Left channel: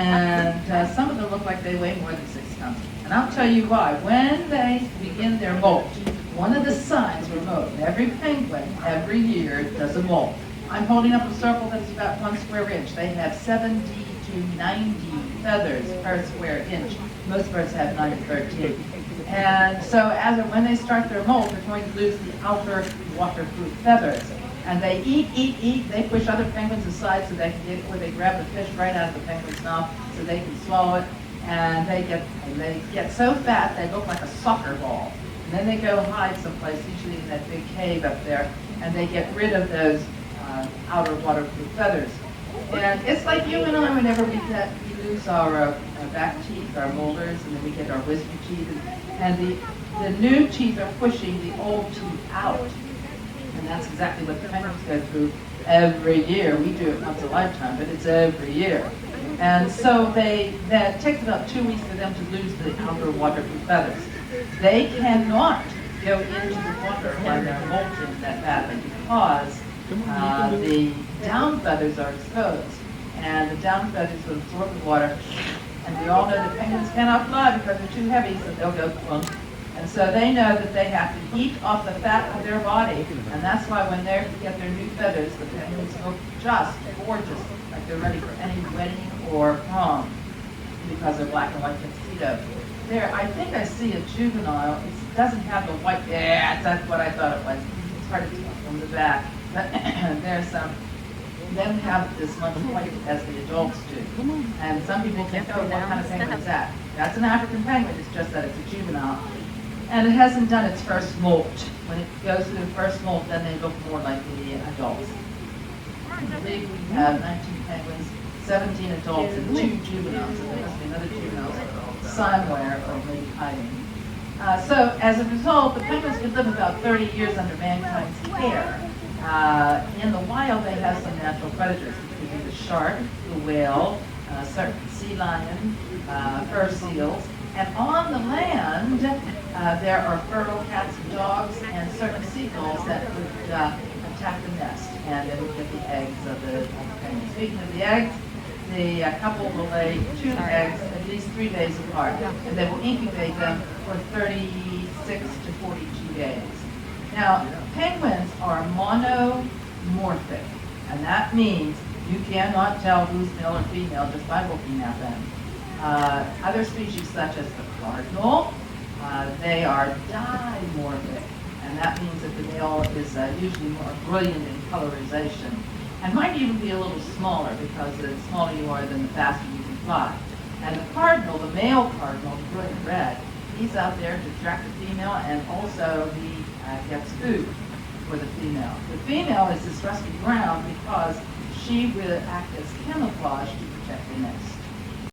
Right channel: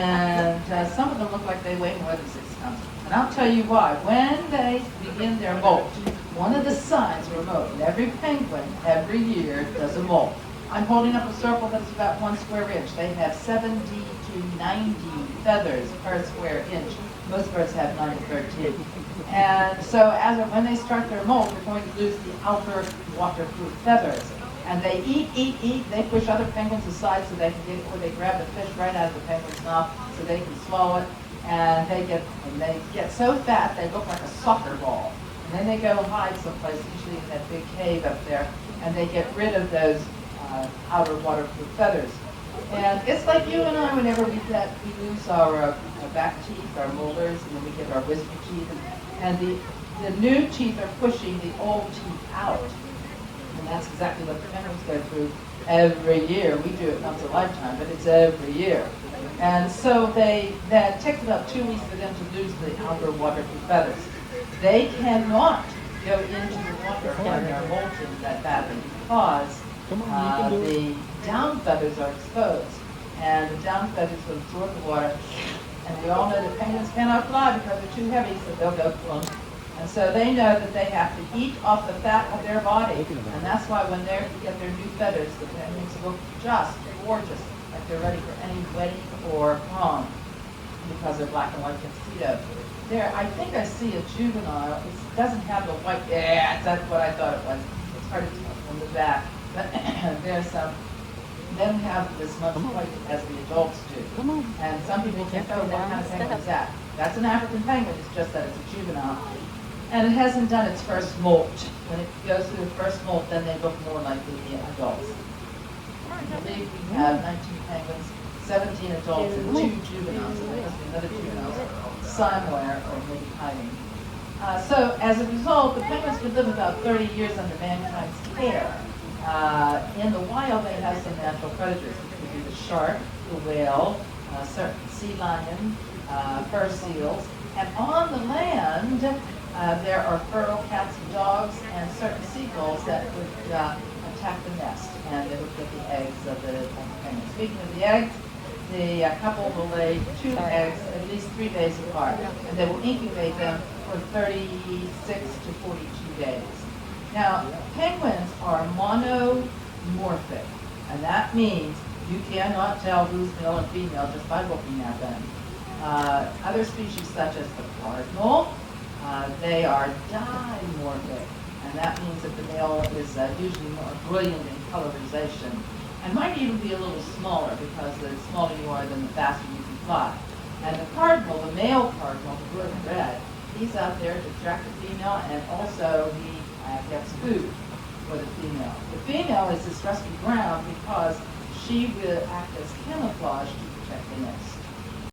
And some of them look like they weigh more than 6 pounds. And I'll tell you why. When they begin their molt, one of the signs for molt, every penguin every year does a molt. I'm holding up a circle that's about 1 square inch. They have 70 to 90 feathers per square inch. Most birds have 9 to 13. And so when they start their molt, they're going to lose the outer waterproof feathers. And they eat. They push other penguins aside so they can get it where they grab the fish right out of the penguin's mouth so they can swallow it. And they get so fat they look like a soccer ball. And then they go hide someplace, usually in that big cave up there, and they get rid of those outer waterproof feathers. And it's like you and I, whenever we lose our back teeth, our molars, and then we get our wisdom teeth, and the new teeth are pushing the old teeth out. And that's exactly what the penguins go through every year. We do it once a lifetime, but it's every year. And so that takes about 2 weeks for them to lose the outer waterproof feathers. They cannot go into the water and they're molting that badly because the down feathers are exposed. And the down feathers will absorb the water. And we all know that penguins cannot fly because they're too heavy, so they'll go plump. And so they know that they have to eat off the fat of their body. And that's why when they get their new feathers, the penguins look just gorgeous, like they're ready for any wedding or prom, because they're black and white tuxedo. There, I think I see a juvenile. It doesn't have the white, that's what I thought it was. It's hard to tell from the back. But there's then we have this much white as the adults do. And some people think, oh, what kind of penguin is that? That's an African penguin, it's just that it's a juvenile. And it hasn't done its first molt. When it goes through the first molt, then they look more like the adults. I believe we have 19 penguins, 17 adults, and 2 juveniles. So there must be another juvenile somewhere or maybe hiding. So as a result, the penguins could live about 30 years under mankind's care. In the wild, they have some natural predators, which would be the shark, the whale, certain sea lion, fur seals. And on the land, there are feral cats and dogs and certain seagulls that would attack the nest, and they would get the eggs of the penguins. Speaking of the eggs, the couple will lay 2 eggs at least 3 days apart, and they will incubate them for 36 to 42 days. Now, penguins are monomorphic, and that means you cannot tell who's male or female just by looking at them. Other species, such as the cardinal, they are dimorphic, and that means that the male is usually more brilliant in colorization, and might even be a little smaller, because the smaller you are, then the faster you can fly. And the cardinal, the male cardinal, the brilliant red, he's out there to attract the female, and also he gets food for the female. The female is this rusty brown because she will act as camouflage to protect the nest.